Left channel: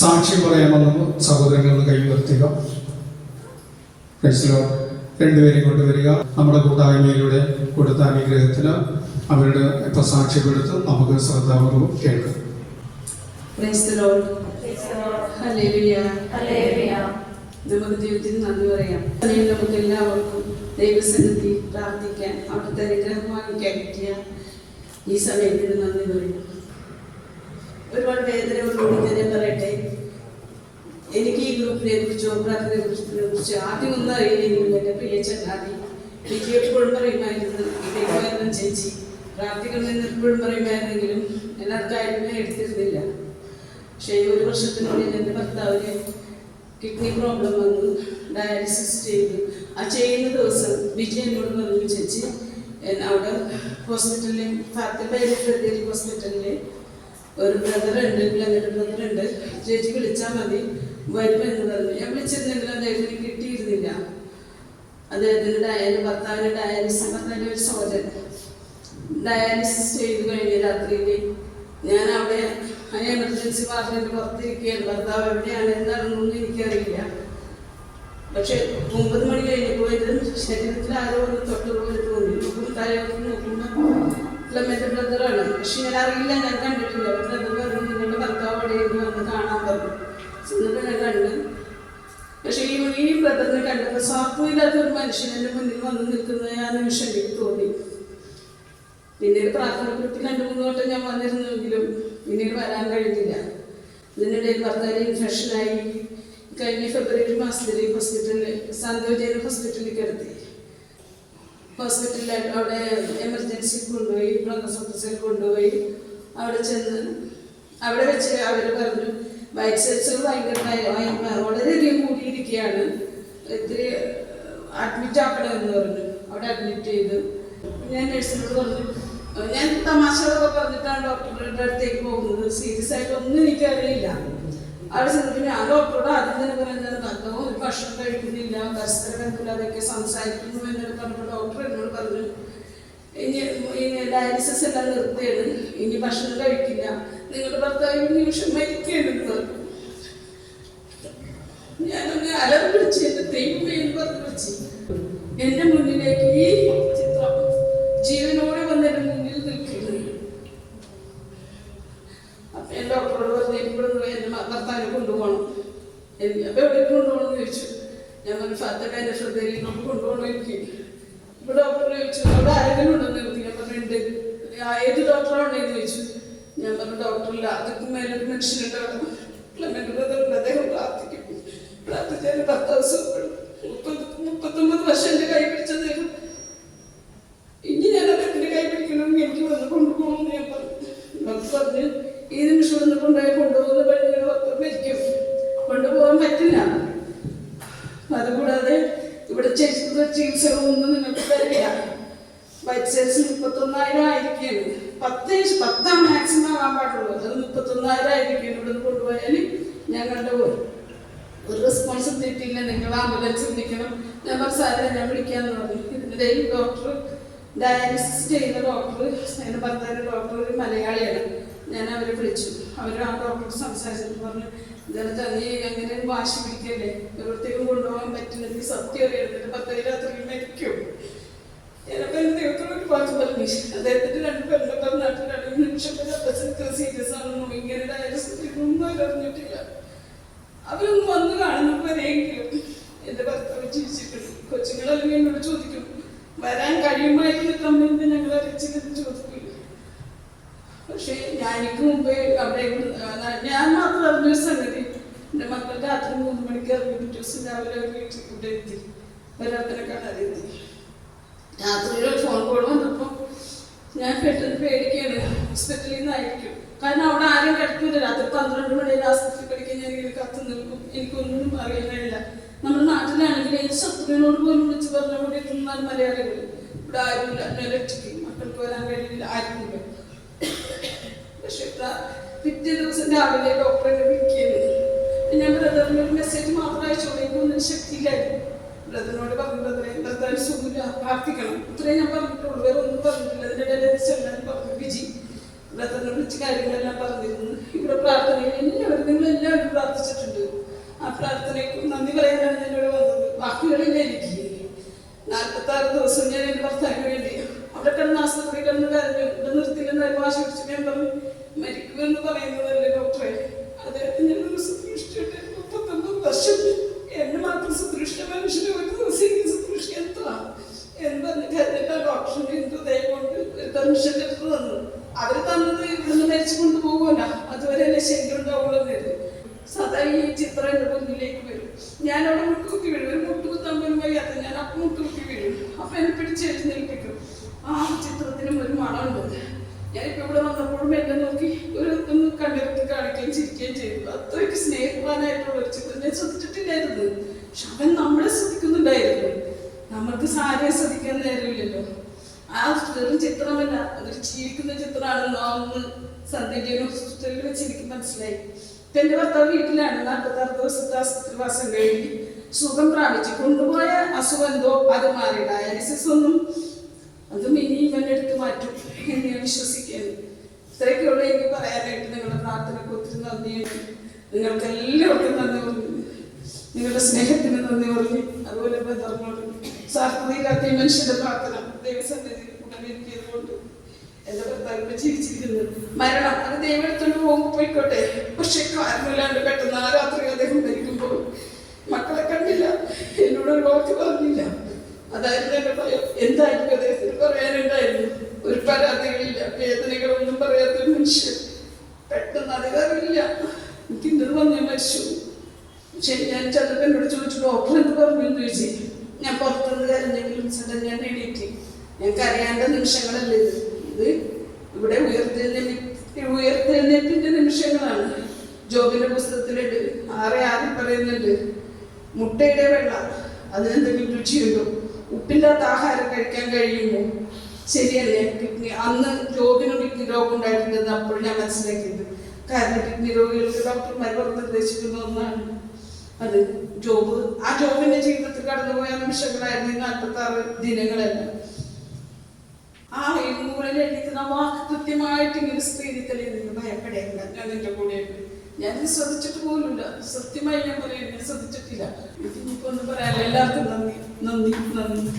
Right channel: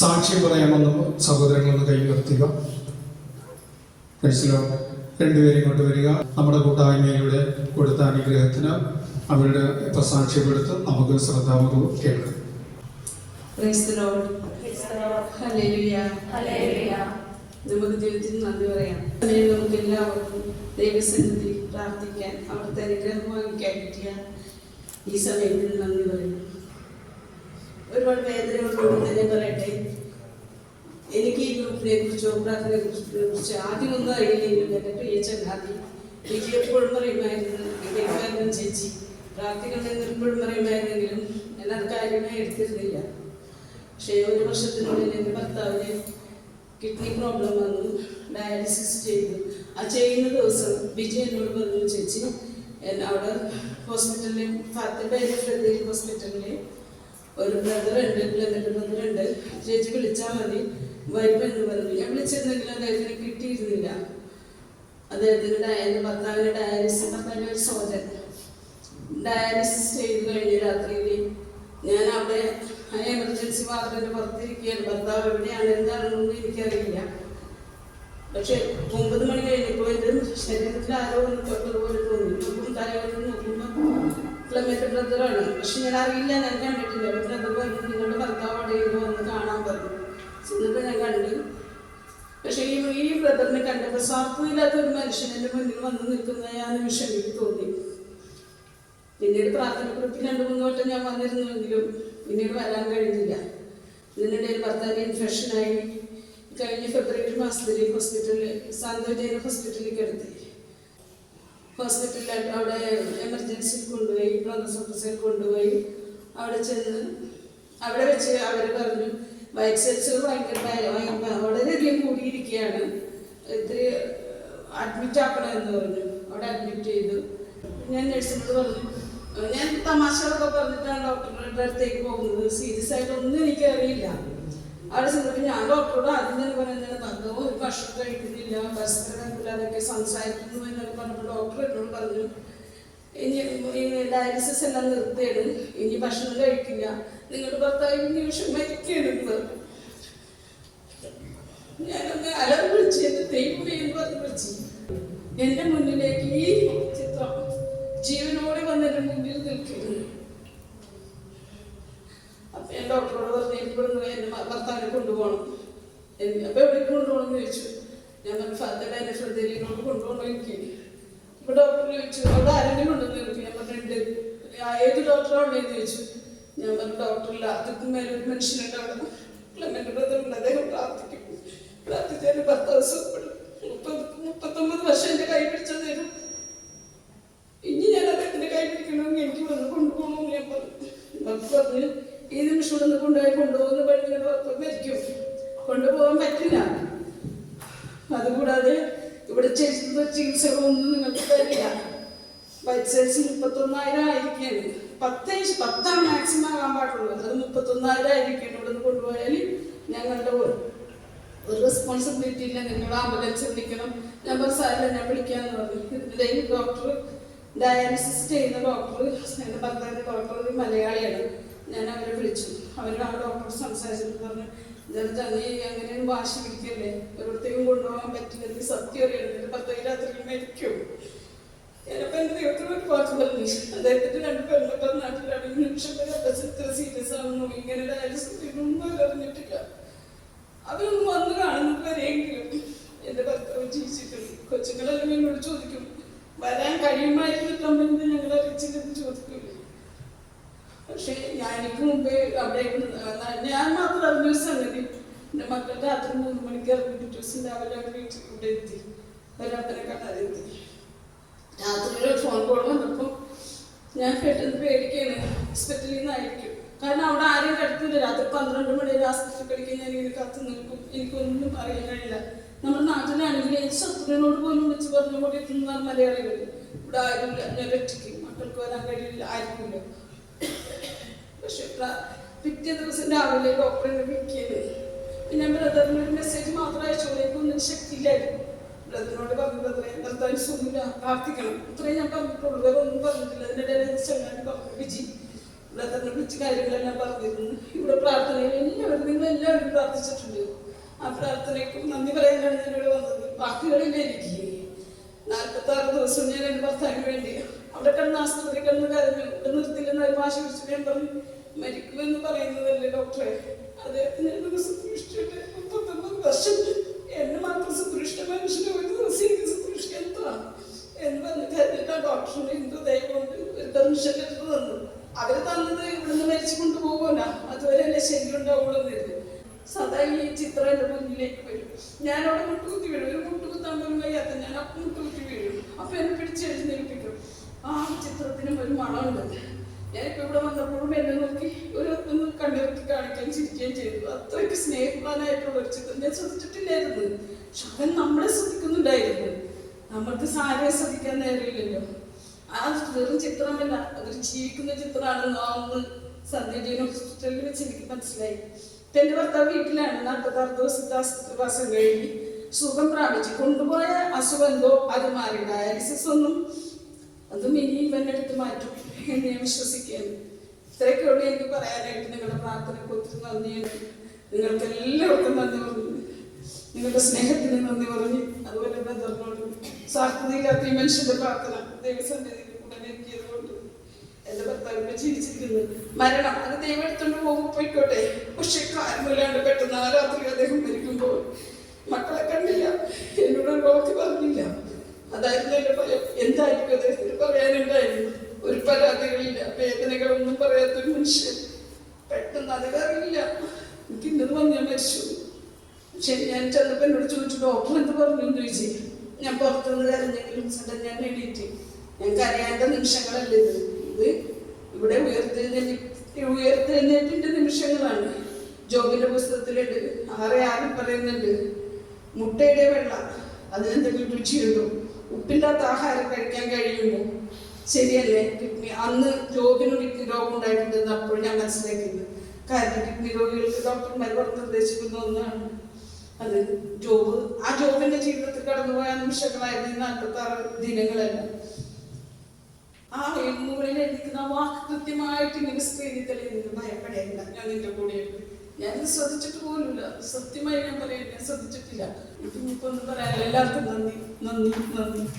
സാക്ഷ്യം പറയാമെന്ന് സഹോദരങ്ങളോട് കൈ ഉയർത്തുക. രണ്ടുപേരെയും കൊണ്ടുവരിക. നമ്മുടെ കൂട്ടായ്മയിലൂടെ കൊടുത്ത അനുഗ്രഹത്തിന് അവരുടെ ഇപ്പൊ സാക്ഷ്യപ്പെടുത്ത് നമുക്ക് ശ്രദ്ധാപൂർവ്വം കേൾക്കാം. നമുക്ക് ദൈവത്തിന് നന്ദി പറയാം. നമുക്ക് എല്ലാവർക്കും ദൈവസന്നിധി പ്രാർത്ഥിക്കാൻ, അവിടുത്തെ അനുഗ്രഹം വാങ്ങിക്കാൻ കിട്ടിയ ഈ സമയത്തിന് നന്ദി പറയും. ഒരുപാട് വേദനകളോട് തന്നെ പറയട്ടെ. എനിക്ക് ഈ ഗ്രൂപ്പിനെ കുറിച്ചോ പ്രാർത്ഥനയെ കുറിച്ചോ ആദ്യമൊന്നും അറിയില്ലെങ്കിലും എൻ്റെ പ്രിയ ചങ്ങാതി വിജയപ്പോഴും പറയുമായിരുന്നു, ഇടയ്ക്ക് ചേച്ചി പ്രാർത്ഥിക്കണമെന്ന് എപ്പോഴും പറയുമായിരുന്നെങ്കിലും ഞാനത് കാര്യമേ എടുത്തിരുന്നില്ല. പക്ഷേ ഒരു വർഷത്തിനുള്ളിൽ എൻ്റെ ഭർത്താവിന് കിഡ്നി പ്രോബ്ലം വന്നു, ഡയാലിസിസ് ചെയ്തു. ആ ചെയ്യുന്ന ദിവസം വിജയ് എന്നോട് പറഞ്ഞു, ചേച്ചി അവിടെ ഹോസ്പിറ്റലിൽ ഫാത്തിമ ഹോസ്പിറ്റലിൽ ഒരു ബ്രദറുണ്ട്, ക്ലമന്റ് ബ്രദറുണ്ട്, ചേച്ചി വിളിച്ചാൽ മതി വരുമെന്ന് പറഞ്ഞു. ഞാൻ വിളിച്ചിരുന്നെങ്കിലും അദ്ദേഹത്തിന് കിട്ടിയിരുന്നില്ല. അദ്ദേഹത്തിന് ഭർത്താവിന് ഡയാലിസിസ് നല്ലൊരു സോജൻ ഡയാലിസിസ് ചെയ്ത് കഴിഞ്ഞ രാത്രിയിൽ ഞാൻ അവിടെ എമർജൻസി വാർഡിന്റെ പുറത്തിരിക്കുകയാണ്. ഭർത്താവ് എവിടെയാണ് എന്താണെന്നൊന്നും എനിക്കറിയില്ല. പക്ഷെ 9 മണി കഴിഞ്ഞപ്പോൾ ഇത് ശരീരത്തിൽ ആരോ ഒന്ന് തൊട്ടതുപോലെ തോന്നി. നോക്കുമ്പോൾ ക്ലമന്റ് ബ്രദറാണ്. പക്ഷെ ഞാൻ അറിയില്ല, ഞാൻ കണ്ടിട്ടില്ല. ബ്രദർ പറഞ്ഞു, നിങ്ങളുടെ ഭർത്താവ് എവിടെയെങ്കിലും വന്ന് കാണാൻ പറഞ്ഞു. എന്നിട്ട് ഞാൻ കണ്ടു. പക്ഷെ ഈ ബ്രദറിനെ കണ്ടപ്പോൾ സ്വാർത്ഥമില്ലാത്ത ഒരു മനുഷ്യൻ എൻ്റെ മുന്നിൽ വന്ന് നിൽക്കുന്ന ആ നിമിഷം എനിക്ക് തോന്നി. പിന്നീട് പ്രാർത്ഥന ഗ്രൂപ്പിൽ 2-3 വട്ടം ഞാൻ വന്നിരുന്നെങ്കിലും പിന്നീട് വരാൻ കഴിഞ്ഞില്ല. ഇതിനിടയിൽ ഭർത്താവിന് ഇൻഫെക്ഷനായി കഴിഞ്ഞ ഫെബ്രുവരി മാസത്തിൽ ഹോസ്പിറ്റലിൽ സാന്ത്വജന ഹോസ്പിറ്റലിൽ കിടത്തി. ഹോസ്പിറ്റലിൽ അവിടെ എമർജൻസി കൊണ്ടുപോയി, ബ്രോങ്കോസ്കോപ്പിൽ കൊണ്ടുപോയി. അവിടെ ചെന്ന് അവിടെ വെച്ച് അവർ പറഞ്ഞു വൈറ്റ് സെൽസ് വളരെയധികം കൂടിയിരിക്കുകയാണ്, ഇത്തിരി അഡ്മിറ്റ് ആക്കണമെന്ന് പറഞ്ഞു. അവിടെ അഡ്മിറ്റ് ചെയ്തു. ഞാൻ നഴ്സിനോട് പറഞ്ഞു, ഞാൻ തമാശകളൊക്കെ പറഞ്ഞിട്ടാണ് ഡോക്ടറുടെ അടുത്തേക്ക് പോകുന്നത്, സീരിയസ് ആയിട്ടൊന്നും എനിക്കറിയില്ല. അവിടെ ചെന്നപ്പോൾ ഞാൻ ഡോക്ടറോട് ആദ്യം തന്നെ പറയുന്നത്, ഭർത്താവ് ഒരു ഭക്ഷണം കഴിക്കുന്നില്ല, പരസ്പര ബന്ധമില്ലാതൊക്കെ സംസാരിക്കുന്നു എന്നൊക്കെ പറഞ്ഞപ്പോൾ ഡോക്ടർ എന്നോട് പറഞ്ഞു, ഇനി ഡയാലിസിസ് എല്ലാം നിർത്തിയാണ്, ഇനി ഭക്ഷണം കഴിക്കില്ല, നിങ്ങളുടെ ഭർത്താവ് നിമിഷം മരിക്കുകയാണെന്ന് പറഞ്ഞു. ഞാനൊന്ന് അലറി വിളിച്ച് എൻ്റെ ദൈവമേ എന്ന് പറഞ്ഞ് വിളിച്ച് എൻ്റെ മുന്നിലേക്ക് ഈ ചിത്രം ജീവനോടെ വന്ന് എൻ്റെ മുന്നിൽ നിൽക്കുന്നു. അപ്പൊ ഞാൻ ഡോക്ടറോട് പറഞ്ഞു, ഇവിടെ എൻ്റെ ഭർത്താവിനെ കൊണ്ടുപോകണം. അപ്പൊ എവിടെ കൊണ്ടുപോകണം എന്ന് ചോദിച്ചു. ഞാൻ പറഞ്ഞു, ഫാത്തിമയുടെ ശ്രദ്ധയിലോട്ട് കൊണ്ടുപോകണം എനിക്ക്. ഇപ്പൊ ഡോക്ടറിനെ ചോദിച്ചു, അവിടെ ആരെങ്കിലും ഉണ്ടെന്ന് നിർത്തി. ഞാൻ പറഞ്ഞിട്ടുണ്ട്. ഏത് ഡോക്ടറാണെന്ന് ചോദിച്ചു. ഞാൻ പറഞ്ഞു, ഡോക്ടറില്ല, അതൊക്കെ മേലൊരു മനുഷ്യനുണ്ടാവും, ക്ലമന്റ് ബ്രദറുണ്ട്, അദ്ദേഹം പ്രാർത്ഥിക്കും, പ്രാർത്ഥിച്ചാൽ ഭർത്താവ് സുഖപ്പെടും. 39 വർഷം എൻ്റെ കൈ പിടിച്ച അദ്ദേഹം ഇനി ഞാൻ അദ്ദേഹത്തിൻ്റെ കൈ പിടിക്കണമെങ്കിൽ എനിക്ക് വന്ന് കൊണ്ടുപോകണമെന്ന് ഞാൻ പറഞ്ഞു. ഡോക്ടർ പറഞ്ഞു, ഈ നിമിഷം ഒന്ന് കൊണ്ടുപോകുന്ന പെണ്ണിനെ മരിക്കും, കൊണ്ടുപോകാൻ പറ്റില്ല. അതുകൂടാതെ ഇവിടെ ചെയ്ത ചികിത്സകളൊന്നും നിങ്ങൾക്ക് തരില്ല. വൈറ്റ് സെൽസ് 31,000 ആയിരിക്കുകയാണ്. 10 മാക്സിമം ആകാൻ പാടുള്ളൂ. അത് 31,000 ആയിരിക്കുകയാണ്. ഇവിടെ നിന്ന് കൊണ്ടുപോയാൽ ഞങ്ങളുടെ ഒരു റെസ്പോൺസിബിലിറ്റി ഇല്ല, നിങ്ങൾ ആംബുലൻസ് വിളിക്കണം. ഞാൻ സാറിനെ ഞാൻ വിളിക്കാമെന്ന് പറഞ്ഞു. ഇതിനിടയിൽ ഡോക്ടർ ഡയാലിസിസ് ചെയ്യുന്ന ഡോക്ടർ, എൻ്റെ ഭർത്താവിൻ്റെ ഡോക്ടർ ഒരു മലയാളിയാണ്. ഞാൻ അവരെ വിളിച്ചു. അവർ ആ ഡോക്ടർ സംസാരിച്ചു പറഞ്ഞു, നീ അങ്ങനെ വാശി പിടിക്കല്ലേ, എവിടത്തേക്കും കൊണ്ടുപോകാൻ പറ്റില്ല, നീ സത്യം അറിയണം, 10 രാത്രി മരിക്കും. ഞാനപ്പോൾ ദൈവത്തോട് ഒരു വാക്ക് പറഞ്ഞു. അദ്ദേഹത്തിൻ്റെ 2 പെണ്ണൊക്കെ നാട്ടിലാണ്. നിമിഷത്തിൽ സീരിയസ് ആണെന്നോ ഇങ്ങനെ ഡയാലിസിസ് ഒന്നും അറിഞ്ഞിട്ടില്ല. അവരൊന്നും വന്ന് കാണുന്നവരെങ്കിലും എൻ്റെ ഭർത്താവ് ജീവിച്ചിട്ടുണ്ട്. കൊച്ചുങ്ങളെല്ലാം എന്നോട് ചോദിക്കും, വരാൻ കഴിയുമായിരുന്നില്ലെന്ന് ഞങ്ങൾ അറിയിച്ചെന്ന് ചോദിക്കില്ല. പക്ഷേ എനിക്ക് മുമ്പേ അവിടെ ഞാൻ മാത്രം അറിഞ്ഞൊരു സംഗതി, എൻ്റെ മക്കൾ രാത്രി 3 മണിക്ക് ഇറങ്ങി പിറ്റേ ദിവസം രാവിലെ വീട്ടിൽ കൂടെ എത്തി, വരാത്തനെ കാണാതെത്തി. രാത്രിയിൽ ഫോൺ കോൾ വന്നപ്പോൾ ഞാൻ പെട്ടെന്ന് പേടിക്കുകയാണ്, ഹോസ്പിറ്റലിൽ നിന്നായിരിക്കും. കാരണം അവിടെ ആരും കിടക്കില്ല. രാത്രി 12 മണി ആസ്പത്രി കിടക്കാൻ ഞാൻ ഇങ്ങനെ കാത്തു നിൽക്കും. എനിക്കൊന്നും അറിയാൻ കഴിയില്ല. നമ്മുടെ നാട്ടിലാണെങ്കിൽ ഈ ശത്രുവിനോട് പോലും വിളിച്ച് പറഞ്ഞ പോലെ എത്തുന്നതാണ് മലയാളികൾ. ഇവിടെ ആരുമില്ല, ഒറ്റയ്ക്ക് മക്കൾക്ക് വരാൻ കഴിയില്ല, ആരുമില്ല. പക്ഷെ പിറ്റേ ദിവസം രാവിലെ ഡോക്ടറെ വിളിക്കുന്നത് ഞാൻ ബ്രദറിന് ഒരു മെസ്സേജ് മാത്രം അയച്ചോളേക്കൊന്നും ശക്തിയില്ലായിരുന്നു. ബ്രദറിനോട് പറഞ്ഞിട്ട് ഭർത്താവിന് സുഖമില്ല, പ്രാർത്ഥിക്കണം, ഇത്രയും ഞാൻ പറഞ്ഞിട്ടുള്ളൂ, വേറെ ഒന്നും പറഞ്ഞിട്ടില്ല. അതിൻ്റെ ഇടയിൽ ചെല്ലാൻ പറഞ്ഞു, വിജി ബ്രദറിനെ വിളിച്ച് കാര്യങ്ങളെല്ലാം പറഞ്ഞിരുന്നു. ഇവിടെ പ്രാർത്ഥനയിൽ എല്ലാവരും നിങ്ങളെല്ലാവരും പ്രാർത്ഥിച്ചിട്ടുണ്ട്. ആ പ്രാർത്ഥനയ്ക്ക് നന്ദി പറയാനാണ് ഞാൻ ഇവിടെ വന്നത്. വാക്കുകളില്ല എനിക്ക്. 46 ദിവസം ഞാൻ എൻ്റെ ഭർത്താവിന് വേണ്ടി അവിടെ കിടന്ന് ആശുപത്രി കിടന്ന് കരഞ്ഞു. ഇവിടെ നിർത്തില്ലെന്ന് ഭാഷ പിടിച്ച് ഞാൻ പറഞ്ഞു, മരിക്കുമെന്ന് പറയുന്നതല്ലേ ഡോക്ടറെ, അദ്ദേഹത്തിന് ഞാനൊരു ശുശ്രൂഷയുടെ 39 വർഷം എന്നെ മാത്രം ശുശ്രൂഷ മനുഷ്യനെ ഒരു ദിവസം ശുശ്രൂഷ എന്താ എന്ന് പറഞ്ഞിട്ട് എല്ലാ ഡോക്ടറിനെ എന്തോ ദയ കൊണ്ട് ഒരു പെർമിഷൻ എടുത്ത് തന്നു. അവര് തന്നത് ഇവിടുന്ന് മരിച്ചു കൊണ്ടുപോകുമല്ല, അതുവരെ എന്നെ ശരിയുണ്ടാവുള്ളൂ എന്നായിരുന്നു. സദാ ഈ ചിത്രം എൻ്റെ മുന്നിലേക്ക് വരും. ഞാൻ അവിടെ മുട്ടുകുത്തി വീഴും. ഒരു മുട്ടുകുത്താൻ പോലും വയ്യാത്ത ഞാൻ അപ്പം മുട്ടുകുത്തി വീഴും. അപ്പൊ എന്നെ പിടിച്ചെഴുന്നേൽപ്പിക്കും. ആ ചിത്രത്തിനും ഒരു മണമുണ്ട്. ഞാനിപ്പോ ഇവിടെ വന്നപ്പോഴും എന്നെ നോക്കി ഒന്ന് കണ്ടിറക്കി കാണിക്കുകയും ചിരിക്കുകയും ചെയ്തു. അത്രയ്ക്ക് സ്നേഹവാനായിട്ടുള്ള ഒരു ചിത്രം ഞാൻ ശ്രദ്ധിച്ചിട്ടില്ലായിരുന്നു. പക്ഷെ അവൻ നമ്മളെ ശ്രദ്ധിക്കുന്നുണ്ടായിരുന്നു. നമ്മൾക്ക് സാരിയെ ശ്രദ്ധിക്കാൻ നേരമില്ലല്ലോ. ആ വെറും ചിത്രമല്ല, അതൊരു ജീവിക്കുന്ന ചിത്രമാണെന്നോ അന്ന് സന്ധ്യ ഹോസ്പിറ്റലിൽ വെച്ച് എനിക്ക് മനസ്സിലായി. എന്റെ ഭർത്താവ് വീട്ടിലാണ്. 46 ദിവസത്തെ ആശുപത്രിവാസം കഴിഞ്ഞ് സുഖം പ്രാപിച്ചു കൊണ്ടുപോയ അസുഖം എന്തോ അത് മാറി. ഡയാലിസിസ് ഒന്നും അതും ഇനി ഇവന്റെ അടുത്ത് മാറ്റും എന്ന് ഞാൻ വിശ്വസിക്കുന്നു. ഇത്രയൊക്കെയുള്ള എനിക്ക് പറയാനായിട്ട് നിങ്ങളുടെ പ്രാർത്ഥനയ്ക്ക് ഒത്തിരി നന്ദിയുണ്ട്. നിങ്ങൾക്ക് എല്ലാവർക്കും നന്ദി പറഞ്ഞു, നിങ്ങളുടെ സ്നേഹത്തിന് നന്ദി പറഞ്ഞു. അതുപോലെ ബന്ധങ്ങളോട് സാർത്ഥതയില്ലാത്ത ഈ മനുഷ്യന്റെ പ്രാർത്ഥന ദൈവസന്നിധിയിൽ ഗുണമേറ്റിയതുകൊണ്ട് എന്റെ ഭർത്താവിനെ ചിരിച്ചിരിക്കുന്നു. മരണം അത് ദൈവം എടുത്തോണ്ട് പോകുമ്പോൾ പോയിക്കോട്ടെ, പക്ഷെ കാരണമില്ലാണ്ട് പെട്ടെന്ന് ആ രാത്രി അദ്ദേഹം മരിക്കുമ്പോൾ മക്കളെ കണ്ടില്ല, എന്നോടൊരു വാക്ക് പറഞ്ഞില്ല. അതായിരുന്നു എന്റെ ഭയം. എന്തായിരിക്കും അദ്ദേഹത്തിന് പറയാനുണ്ടായിരുന്നു? ഒരു പരാതികളില്ല, വേദനകളൊന്നും പറയാത്തൊരു മനുഷ്യൻ പെട്ടെന്ന് അധികാരമില്ല. എനിക്ക് ഇന്നത് വന്നു മരിച്ചു. പക്ഷെ ഞാൻ ചെന്നപ്പോൾ എന്നോട് ചോദിച്ചു, ഡോക്ടർ എന്ത് പറഞ്ഞു എന്ന് ചോദിച്ചു. ഞാൻ പുറത്തുനിന്ന് കരഞ്ഞെങ്കിലും ചേട്ടൻ ഞാൻ എണീറ്റ്. ഞങ്ങൾക്ക് അറിയേണ്ട നിമിഷങ്ങളല്ല ഇത് ഇവിടെ ഉയർത്തെഴുന്നേൽപ്പിന്റെ നിമിഷങ്ങളാണ്. ജോബിന്റെ പുസ്തകത്തിലുണ്ട് 6:6 പറയുന്നുണ്ട്, മുട്ടയുടെ വെള്ള അതിനെന്തെങ്കിലും രുചിയുണ്ടോ? ഉപ്പില്ലാത്ത ആഹാരം കഴിക്കാൻ കഴിയുമോ? ശരിയല്ലേ? കിഡ്നി അന്ന് ജോബിന് കിഡ്നി രോഗം ഉണ്ടായിട്ടുണ്ടെന്ന് അപ്പോൾ ഞാൻ മനസ്സിലാക്കിയത്. കാരണം കിഡ്നി രോഗികൾക്ക് ഡോക്ടർമാർ നിർദ്ദേശിക്കുന്ന ഒന്നാണ് അത്. ആ ജോബിന്റെ ജീവിതത്തിൽ കടന്നുപോയ നിമിഷങ്ങളായിരുന്നു ഈ 46 ദിനങ്ങളെല്ലാം. ആ മുകളിൽ എഴുതിക്കുന്ന വാക്ക് കൃത്യമായിട്ട് ഇങ്ങനെ സ്ക്രീനിൽ തെളിയുന്നു. ഭയപ്പെടേണ്ട, ഞാൻ നിന്റെ കൂടെയുണ്ട്. ഞാനിത് ശ്രദ്ധിച്ചിട്ട് പോലുമില്ല. സത്യമായി ഞാൻ പറയുന്നത് ഞാൻ ശ്രദ്ധിച്ചിട്ടില്ല. ഇനിയിപ്പോ ഒന്നും പറയാനില്ല. എല്ലാവർക്കും നന്ദി നന്ദി നന്ദി.